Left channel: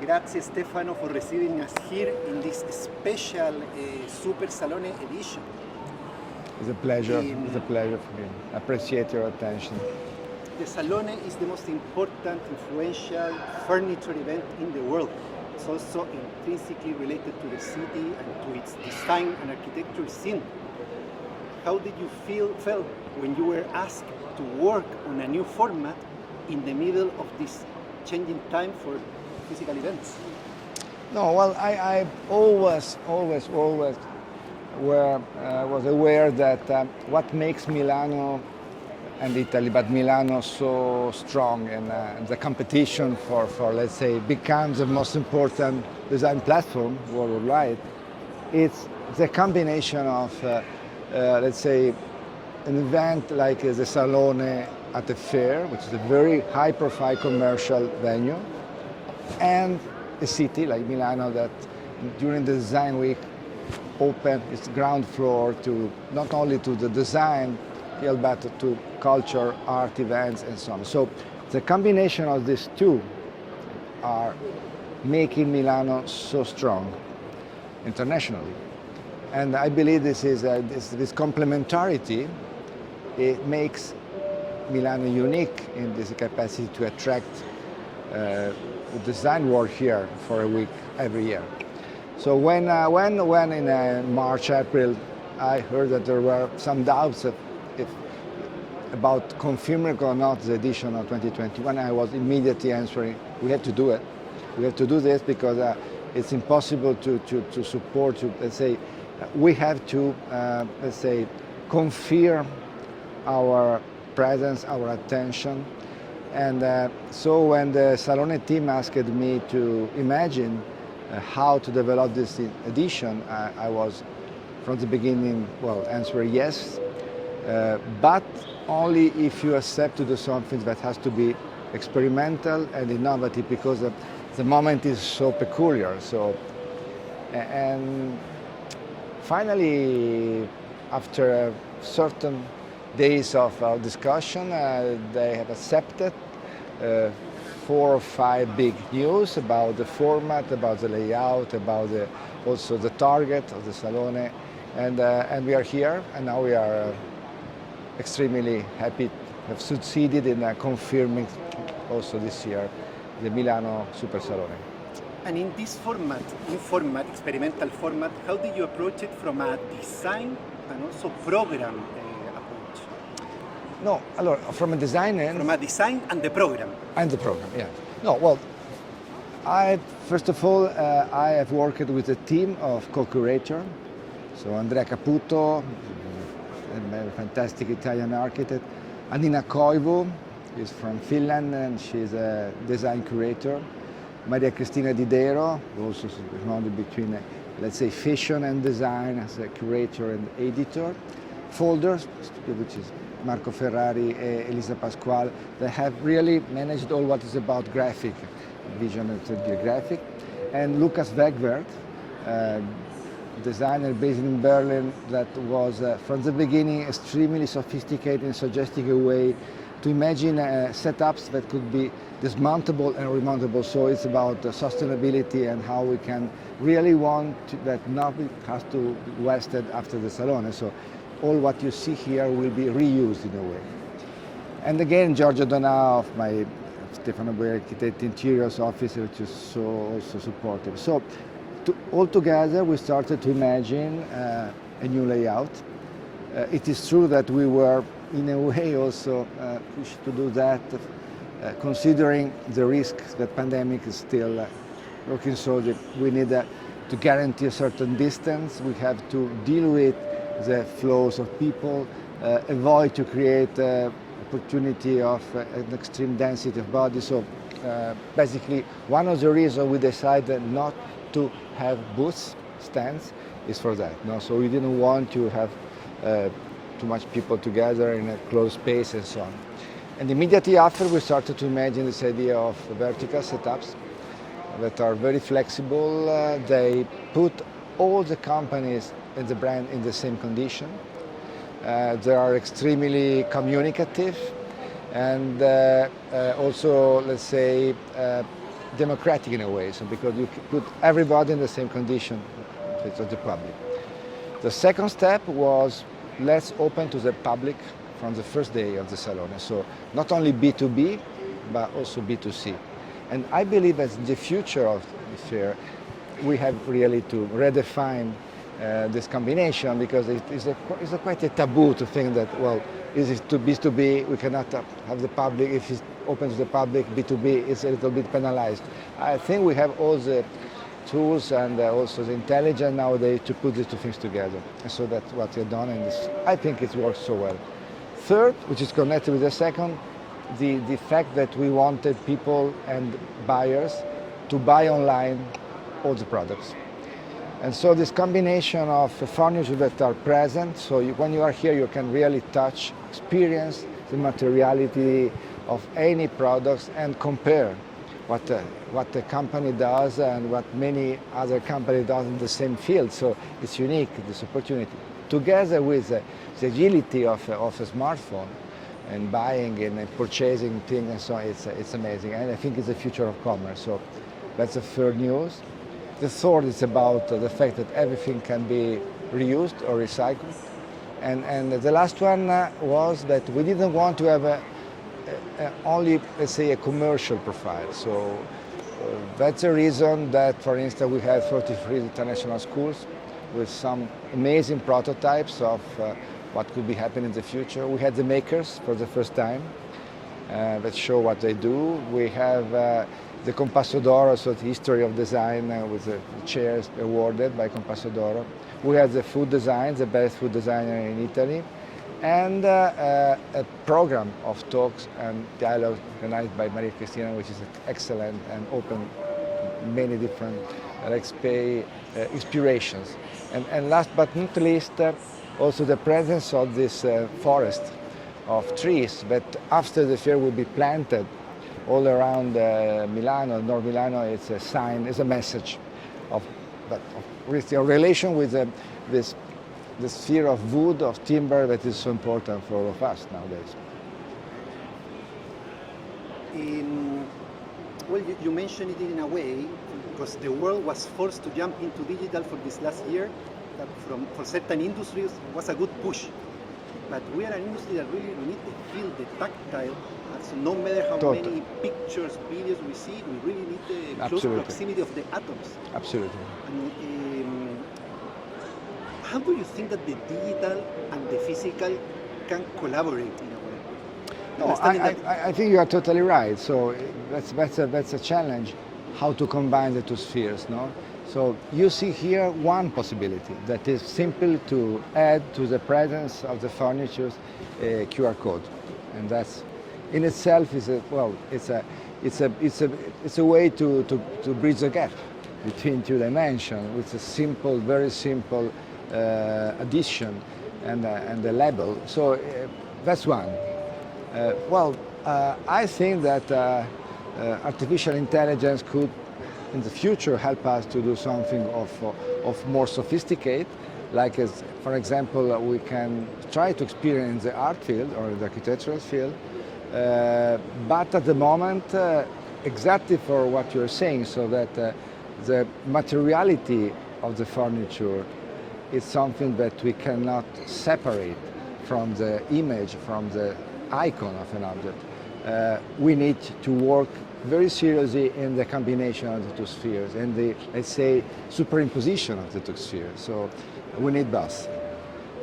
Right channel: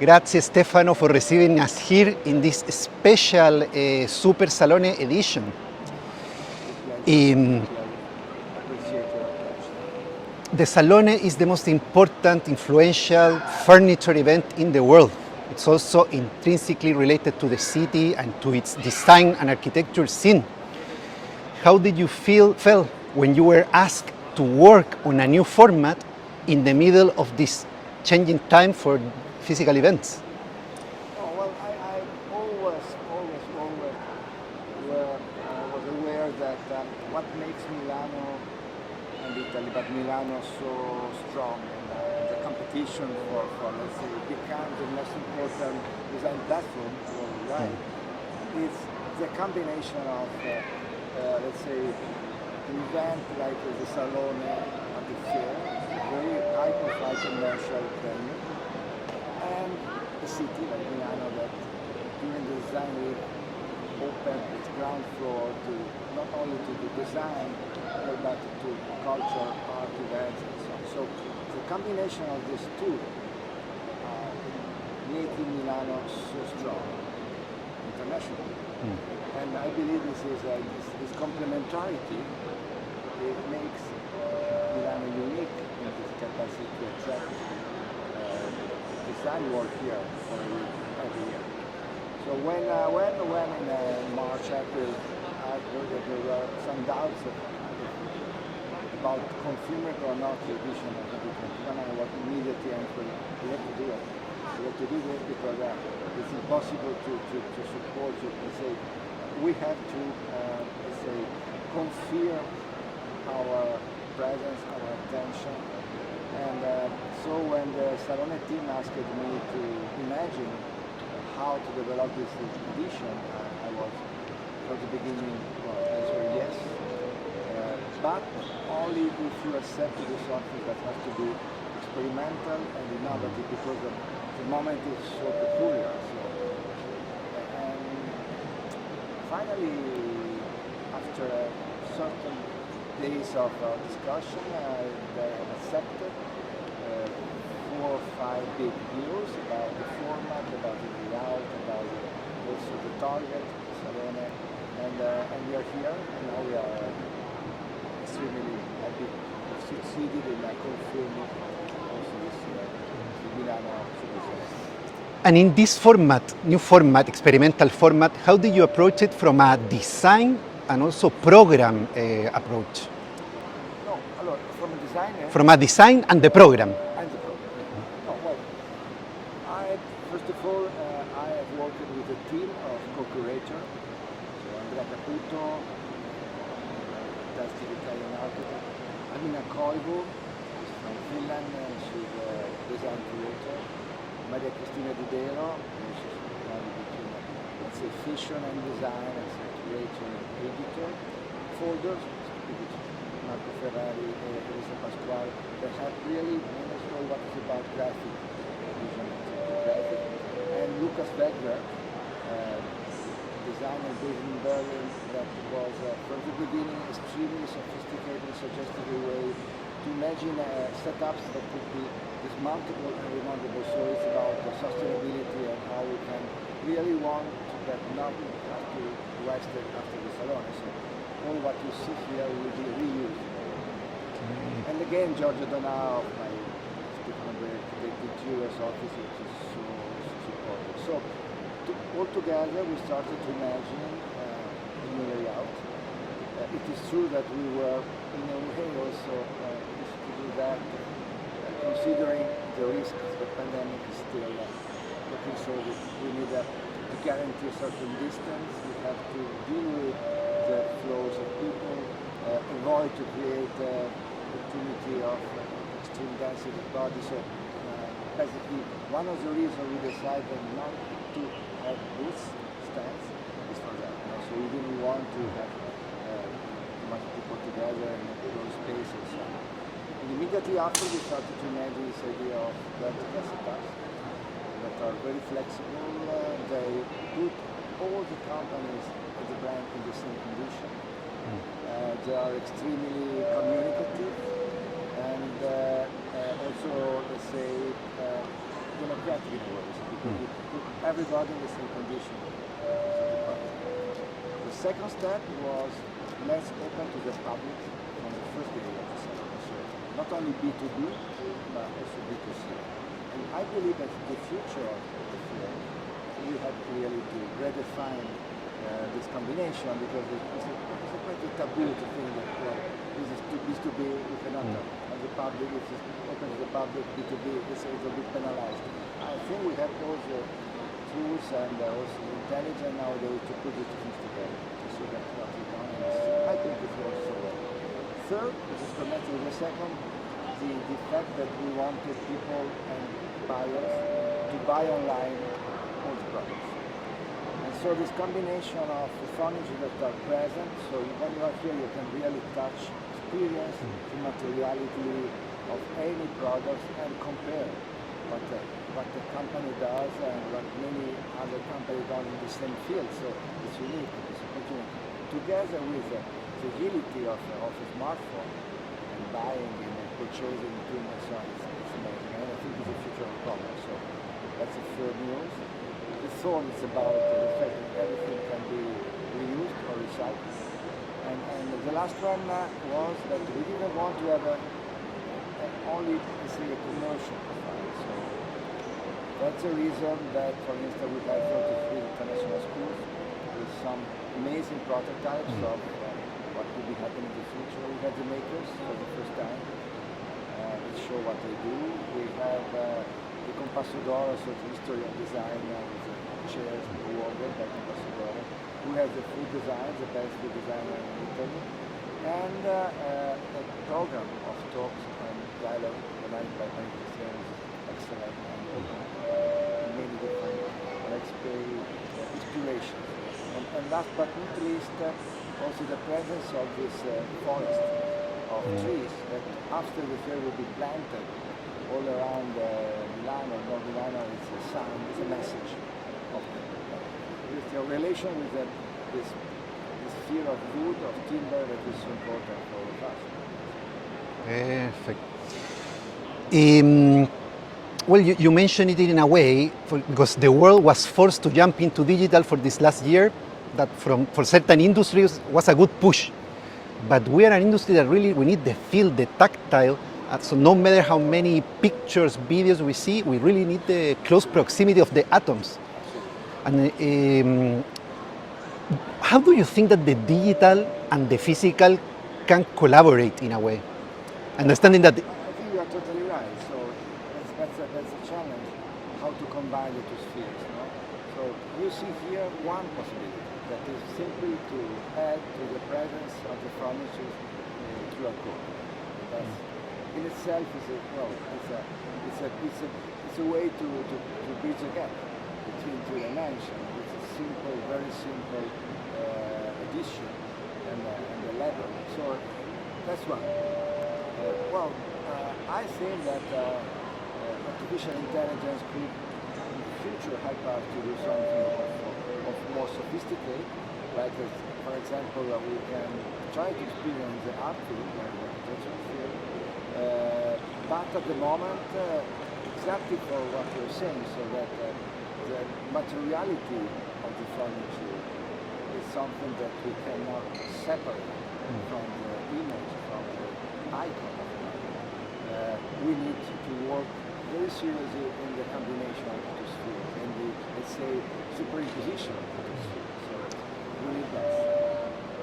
Grazie Stefano for receiving us here in this special Super Salone edition. It's a pleasure. It's a pleasure for me. I appreciate your attention. The Salone is the most important, influential furniture event in the world. It's also intrinsically related to the city and to its design and architecture scene. How did you felt when you were asked to work on a new format in the middle of this changing time for physical events? No, well, I always was aware that what makes Milano and Italy, but Milano so strong, and the competition for, let's say, becomes the most important design platform worldwide. It's the combination of, let's say, an event like the Salone at the fair, which is a very high-profile commercial venue, and a city like Milano that during the design week opened its ground floor to not only to the design field but to culture, art events and so on. So the combination of these two are making Milano so strong internationally. And I believe this is this complementarity. It makes Milano unique in this capacity to attract the design world here for a week every year. So when in March, April, I heard that there were some doubts about confirming or not the edition of 2021, I was immediately answering, we have to do it. We have to do this because it's impossible to support, let's say, we have to, let's say, confirm our presence, our attention. And so when the Salone team asked me to imagine how to develop this edition, I was from the beginning, well, answering yes, but only if you accept to do something that has to be experimental and innovative because the moment is so peculiar. So, and finally, after certain days of discussion, they have accepted 4 or 5 big news about the format, about the layout, about also the target of the Salone, and we are here, and now we are extremely happy to have succeeded in confirming also this year the Milano Super Salone. And in this format, new format, experimental format, how did you approach it from a design and also program approach? No, allora, from a designer. From a design and the program. And the program, yeah. No, well, first of all, I have worked with a team of co-curator. So Andrea Caputo, a fantastic Italian architect. Anina Koivu is from Finland and she's a design curator. Maria Cristina Didero, also technology between, let's say, fashion and design as a curator and editor. Folders, which is Marco Ferrari and Elisa Pasquale, they have really managed all what is about graphic, vision and 3D graphic. And Lukas Wegwerth, designer based in Berlin that was from the beginning extremely sophisticated in suggesting a way to imagine setups that could be dismountable and remountable. So it's about sustainability and how we can really want that nothing has to be wasted after the Salone. So all what you see here will be reused in a way. And again, Giorgio Donà of my Stefano Boeri Interiors office, which is so also supportive. So all together, we started to imagine a new layout. It is true that we were, in a way, also pushed to do that, considering the risk the pandemic is still working. So that we need to guarantee a certain distance. We have to deal with the flows of people, avoid to create opportunity of an extreme density of bodies. So basically, one of the reasons we decided not to have booths, stands, is for that. No? So we didn't want to have too much people together in a closed space and so on. And immediately after, we started to imagine this idea of vertical setups that are very flexible. They put all the companies and the brand in the same condition. They are extremely communicative and also, let's say, democratic in a way, so because you put everybody in the same condition to the public. The second step was let's open to the public from the first day of the Salone. So not only B2B, but also B2C. And I believe that the future of the fair, we have really to redefine this combination, because it's quite a taboo to think that, well, this is B2B, we cannot have the public. If it's open to the public, B2B is a little bit penalized. I think we have all the tools and also the intelligence nowadays to put the two things together. And so that's what we've done, and I think it works so well. Third, which is connected with the second, the fact that we wanted people and buyers to buy online all the products. And so this combination of furniture that are present, so when you are here you can really touch, experience the materiality of any products and compare what the company does and what many other companies do in the same field. So it's unique, this opportunity. Together with the agility of a smartphone and buying and purchasing things and so on, it's amazing. And I think it's the future of commerce. So that's the third news. The third is about the fact that everything can be reused or recycled. And the last one was that we didn't want to have only, let's say, a commercial profile. So that's the reason that, for instance, we have 33 international schools with some amazing prototypes of what could be happening in the future. We had the makers for the first time that show what they do. We have the Compasso d'Oro, so the history of design with the chairs awarded by Compasso d'Oro. We have the food design, the best food designer in Italy, and a program of talks and dialogues organized by Maria Cristina, which is excellent and open many different, let's say, inspirations. And last but not least, also the presence of this forest of trees that after the fair will be planted all around Milano, North Milano. It's a sign, it's a message of that, with your relation with this sphere of wood, of timber that is so important for all of us nowadays. Perfect. Well, you mentioned it in a way, because the world was forced to jump into digital for this last year, that for certain industries was a good push. But we are an industry that really, we need the feel, the tactile. So no matter how many pictures, videos we see, we really need the close proximity of the atoms. Absolutely. And how do you think that the digital and the physical can collaborate in a way? Understanding that I think you are totally right. So that's a challenge, how to combine the two spheres, no? So you see here one possibility that is simple to add to the presence of the furniture a QR code, and that's in itself is it's a way to bridge the gap between two dimensions with a simple, very simple addition and the label. So that's one. I think that artificial intelligence could, in the future, help us to do something of more sophisticated, like, for example, we can try to experience the art field or the architectural field, but at the moment, exactly for what you're saying, so that the materiality of the furniture is something that we cannot separate from the image, from the icon of an object. We need to work very seriously in the combination of the two spheres and the, let's say, superimposition of the two spheres. So we need both.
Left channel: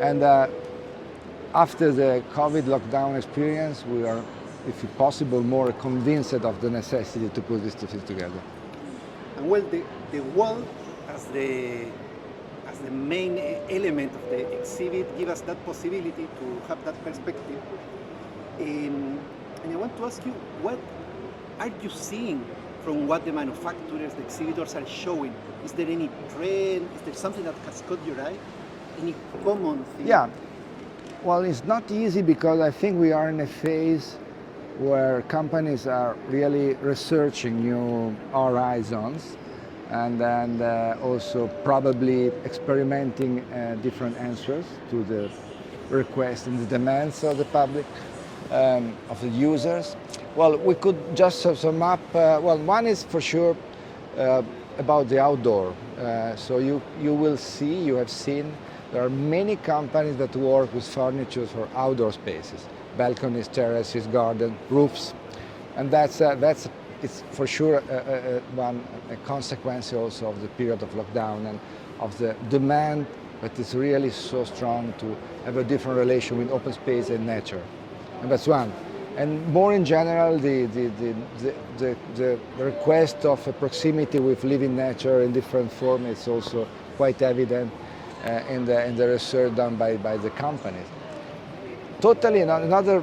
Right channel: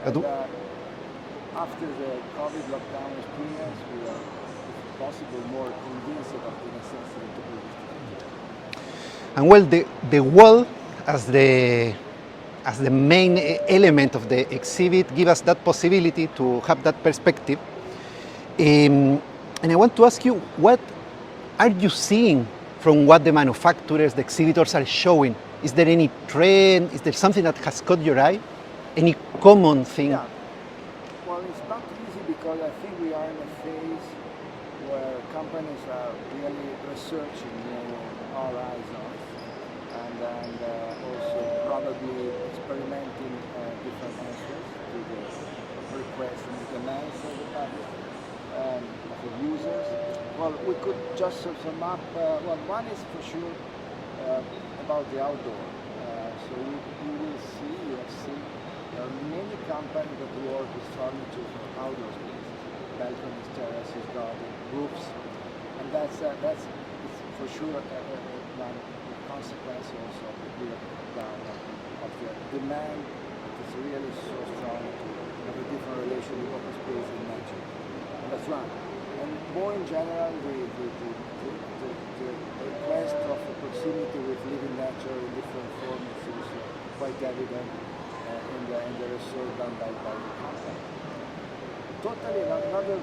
And after the COVID lockdown experience, we are, if possible, more convinced of the necessity to put these two things together. And well, the wall as the main element of the exhibit give us that possibility to have that perspective. And I want to ask you, what are you seeing from what the manufacturers, the exhibitors are showing? Is there any trend? Is there something that has caught your eye? Any common thing? Yeah. Well, it's not easy because I think we are in a phase where companies are really researching new horizons and also probably experimenting different answers to the requests and the demands of the public. of the users. Well, we could just sum up. Well, one is for sure about the outdoor. So you will see, you have seen, there are many companies that work with furniture for outdoor spaces, balconies, terraces, garden, roofs, and that's it's for sure a consequence also of the period of lockdown and of the demand that is really so strong to have a different relation with open space and nature, and that's one. And more in general, the request of a proximity with living nature in different forms is also quite evident in the research done by the companies. Totally another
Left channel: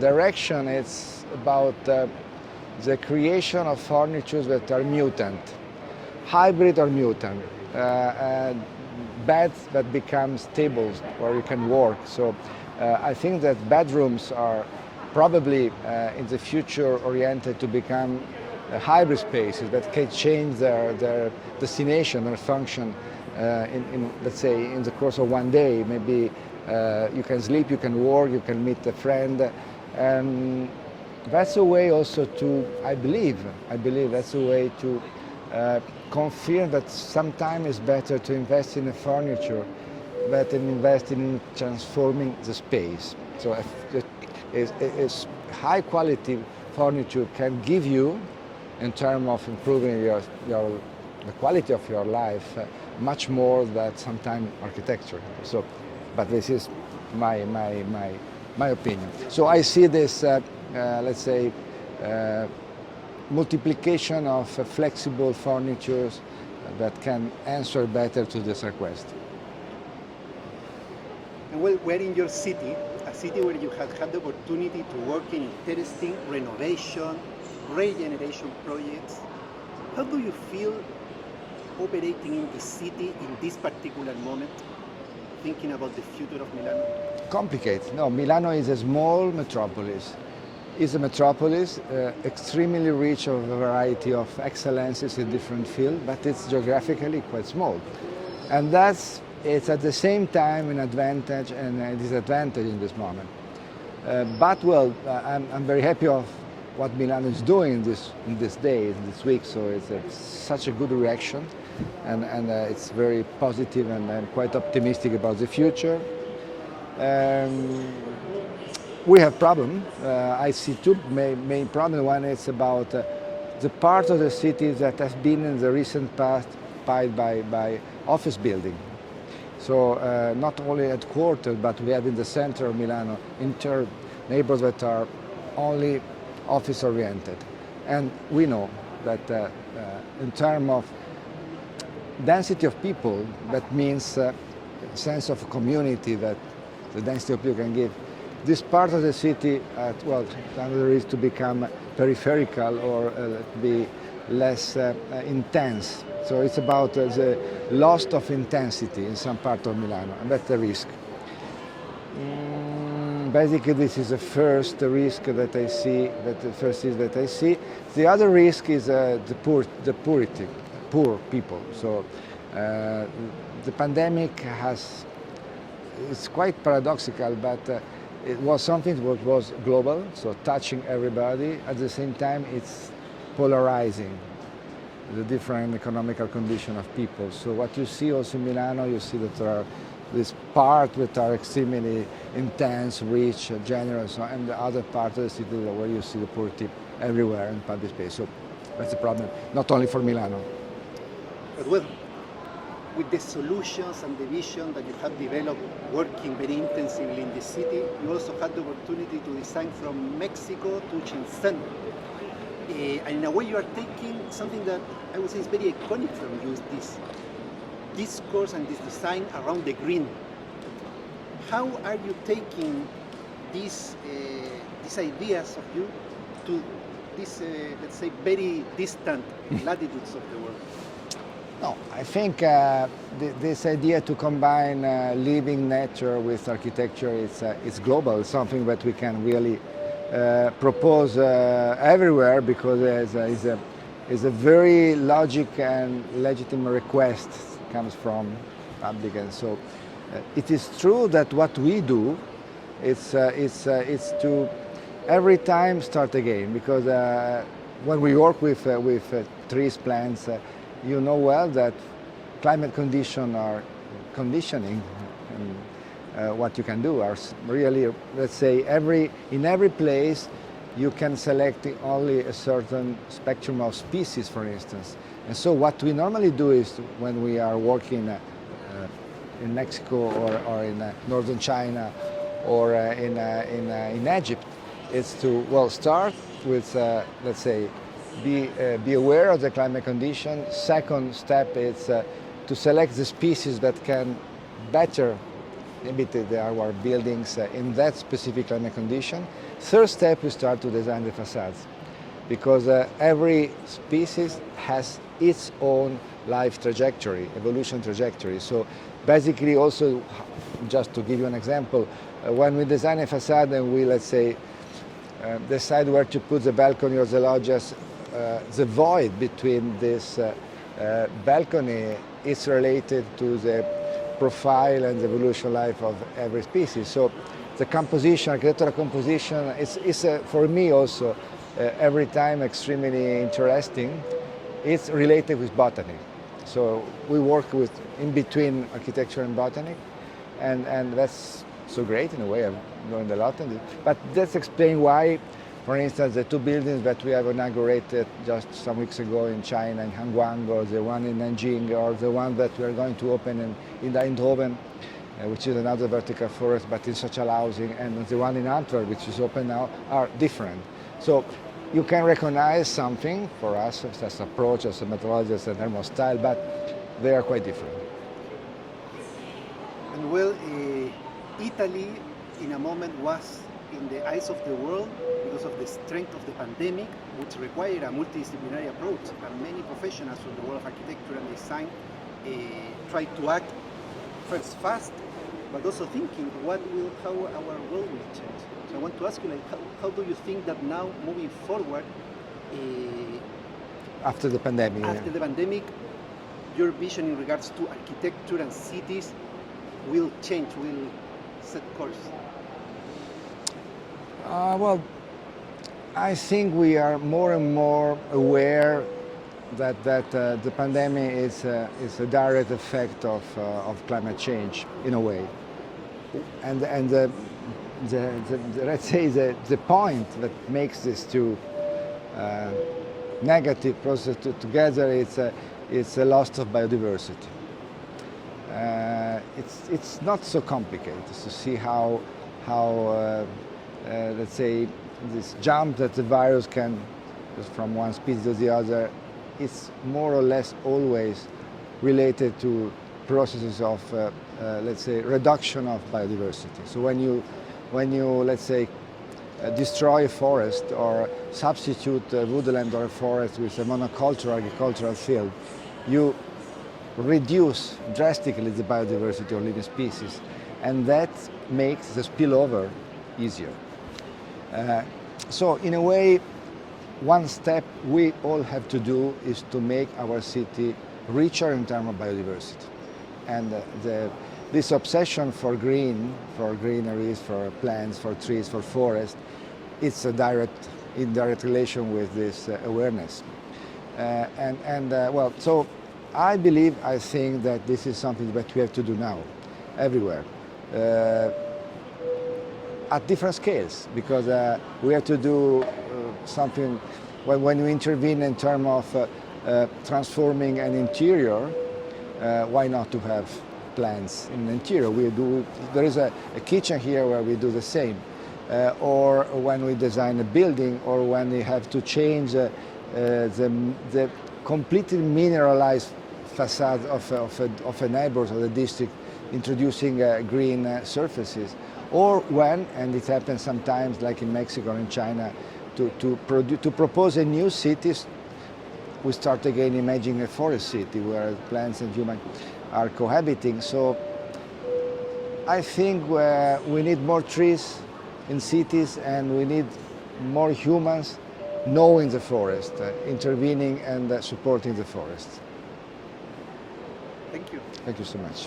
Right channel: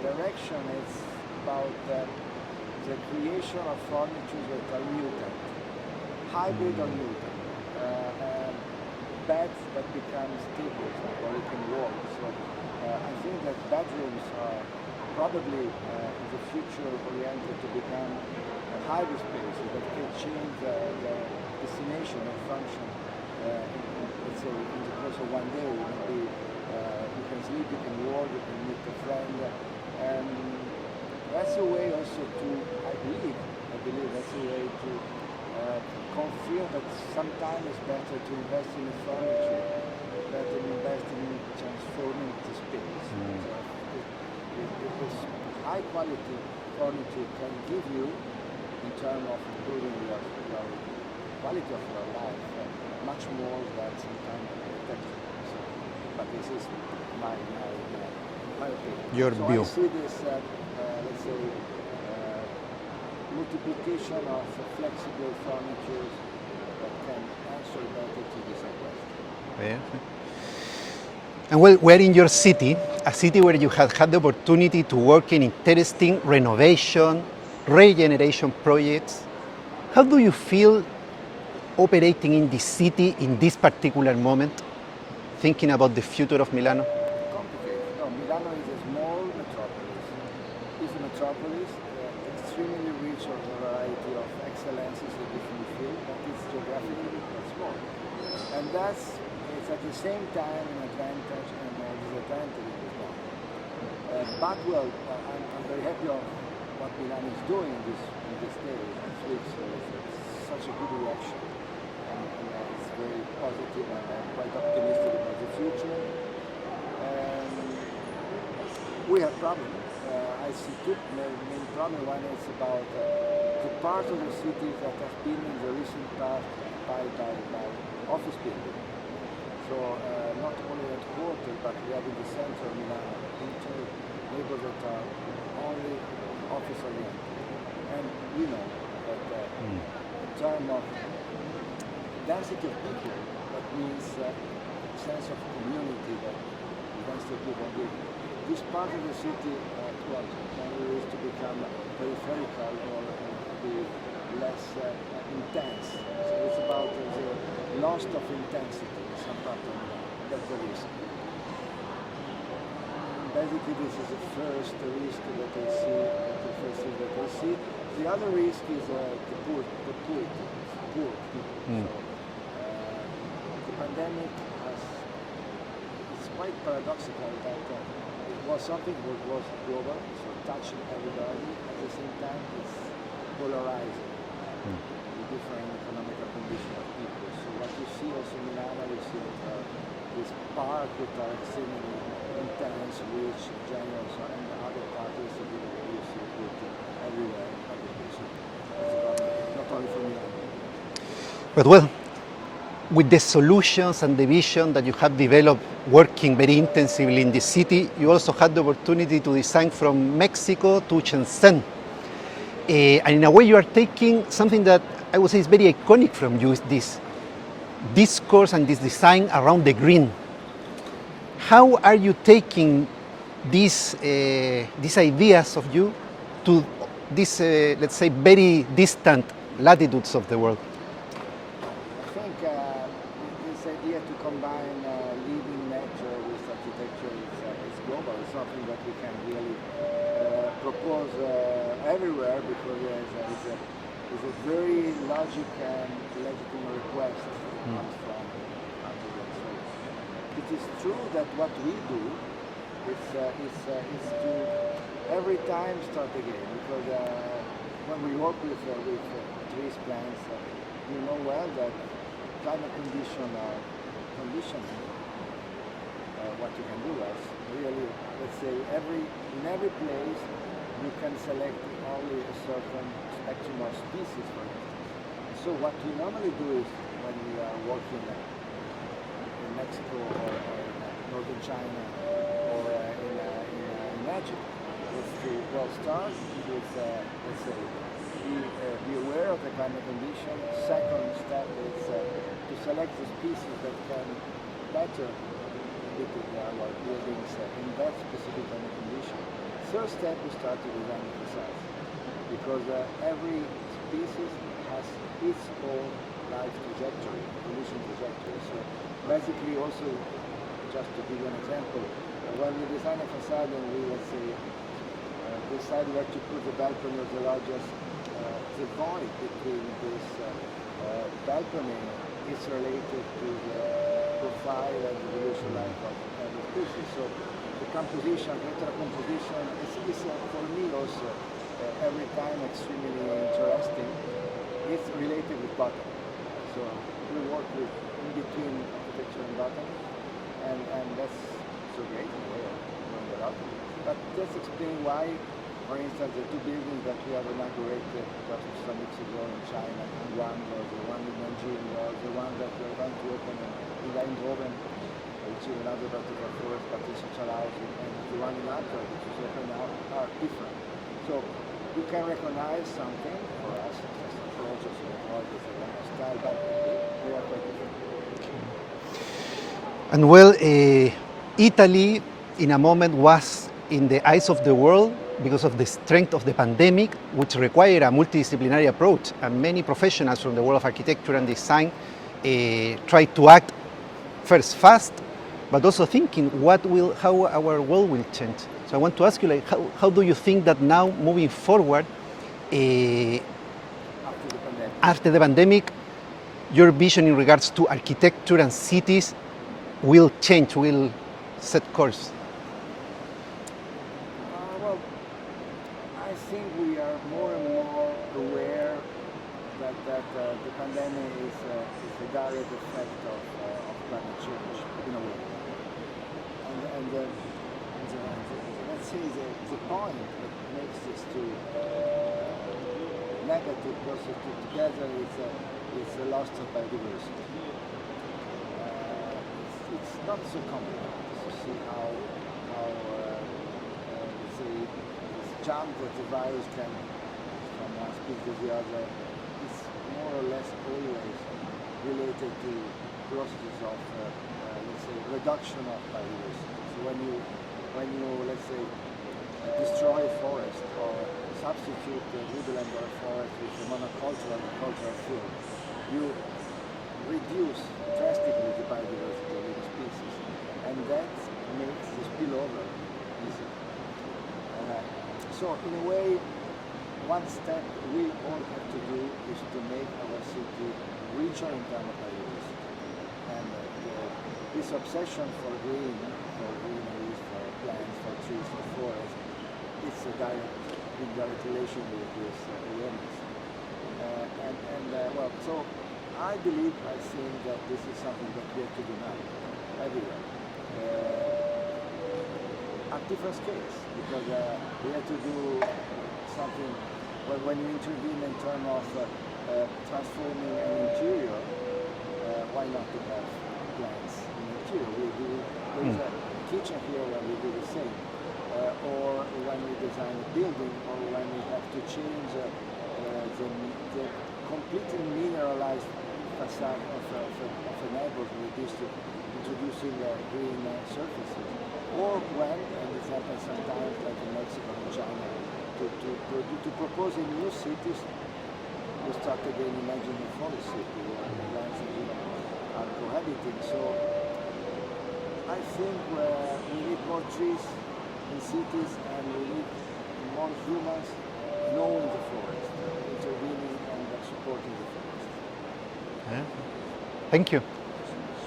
direction, it's about the creation of furniture that are mutant, hybrid or mutant, beds that become tables where you can work. So I think that bedrooms are probably in the future oriented to become hybrid spaces that can change their destination, their function in let's say in the course of one day. Maybe you can sleep, you can work, you can meet a friend, and that's a way also to, I believe that's a way to confirm that sometimes it's better to invest in the furniture than invest in transforming the space. So is high quality furniture can give you, in terms of improving the quality of your life, much more than sometimes architecture. So, but this is my opinion. So I see this, let's say, multiplication of flexible furniture that can answer better to this request. Yeah. And well, we're in your city, a city where you have had the opportunity to work in interesting renovation, regeneration projects. How do you feel operating in this city in this particular moment, thinking about the future of Milano? Complicated. No, Milano is a small metropolis. It's a metropolis, extremely rich of a variety of excellences in different fields, but it's geographically quite small. And it's at the same time an advantage and a disadvantage in this moment. But well, I'm very happy of what Milano is doing in this day, this week. So it's such a good reaction, and it's very positive, and I'm quite optimistic about the future. We have problem. I see two main problems. One is about the part of the city that has been in the recent past occupied by office building. So not only at quarters, but we have in the center of Milano neighborhoods that are only office oriented. And we know that in terms of density of people, that means sense of community that the density of people can give. This part of the city, well, another is to become peripheral or be less intense. So it's about the loss of intensity in some part of Milano, and that's the risk. Basically, this is the first risk that I see. That I see. The other risk is the poor people. So the pandemic it's quite paradoxical, but it was something that was global, so touching everybody. At the same time, it's polarizing the different economical condition of people. So what you see also in Milano, you see that there are this part that are extremely intense, rich, generous, and the other part of the city where you see the poverty everywhere in public space. So that's a problem, not only for Milano. But well, with the solutions and the vision that you have developed working very intensively in the city, you also had the opportunity to design from Mexico to Shenzhen. And in a way you are taking something that I would say is very iconic from you, is this discourse and this design around the green. How are you taking these ideas of you to these, let's say, very distant latitudes of the world? No, I think this idea to combine living nature with architecture is global. It's something that we can really propose everywhere, because it's a very logic and legitimate request comes from public. And so it is true that what we do It's to every time start again, because when we work with trees, plants, you know well that climate conditions are conditioning what you can do. Are really, let's say, in every place you can select only a certain spectrum of species, for instance. And so what we normally do is, when we are working in Mexico or in northern China or in Egypt, is to, well, start with, let's say, be aware of the climate condition. Second step is to select the species that can better imitate our buildings in that specific climate condition. Third step, we start to design the facades, because every species has its own life trajectory, evolution trajectory. So basically, also, just to give you an example, when we design a facade and we, let's say, decide where to put the balcony or the loggias, the void between this balcony is related to the profile and the evolution life of every species. So the composition, architectural composition, is for me also every time extremely interesting. It's related with botany. So we work with in between architecture and botany, and that's so great in a way. I've learned a lot on it. But that's explain why, for instance, the two buildings that we have inaugurated just some weeks ago in China, in Hangguang, or the one in Nanjing, or the one that we are going to open in Eindhoven, which is another vertical forest, but in social housing, and the one in Antwerp, which is open now, are different. So you can recognize something for us as approach, as a methodology, as a thermal style, but they are quite different. And well, Italy, in a moment, was in the eyes of the world because of the strength of the pandemic, which required a multidisciplinary approach. And many professionals from the world of architecture and design tried to act first fast, but also thinking how our world will change. So I want to ask you, like, how do you think that now, moving forward, after the pandemic? After the pandemic, your vision in regards to architecture and cities will change, will set course? Well, I think we are more and more aware that the pandemic is a direct effect of climate change in a way, and the let's say the point that makes these two negative processes together is a loss of biodiversity. It's not so complicated to see how let's say this jump that the virus can from one species to the other, it's more or less always related to processes of let's say reduction of biodiversity. So when you let's say destroy a forest or substitute a woodland or a forest with a monocultural agricultural field, you reduce drastically the biodiversity of living species, and that makes the spillover easier. So in a way, one step we all have to do is to make our city richer in terms of biodiversity. And this obsession for greeneries, for plants, for trees, for forests, it's a indirect relation with this awareness. Well, so I think that this is something that we have to do now, everywhere, at different scales, because we have to do something when we intervene in terms of transforming an interior. Why not to have plants in the interior? There is a kitchen here where we do the same, or when we design a building, or when we have to change the completely mineralized facade of a neighborhood or the district, introducing green surfaces, or when, and it happens sometimes like in Mexico and in China, to propose a new city, we start again imagining a forest city where plants and humans are cohabiting. So I think we need more trees in cities, and we need more humans knowing the forest, intervening and supporting the forest. Thank you. Thank you so much.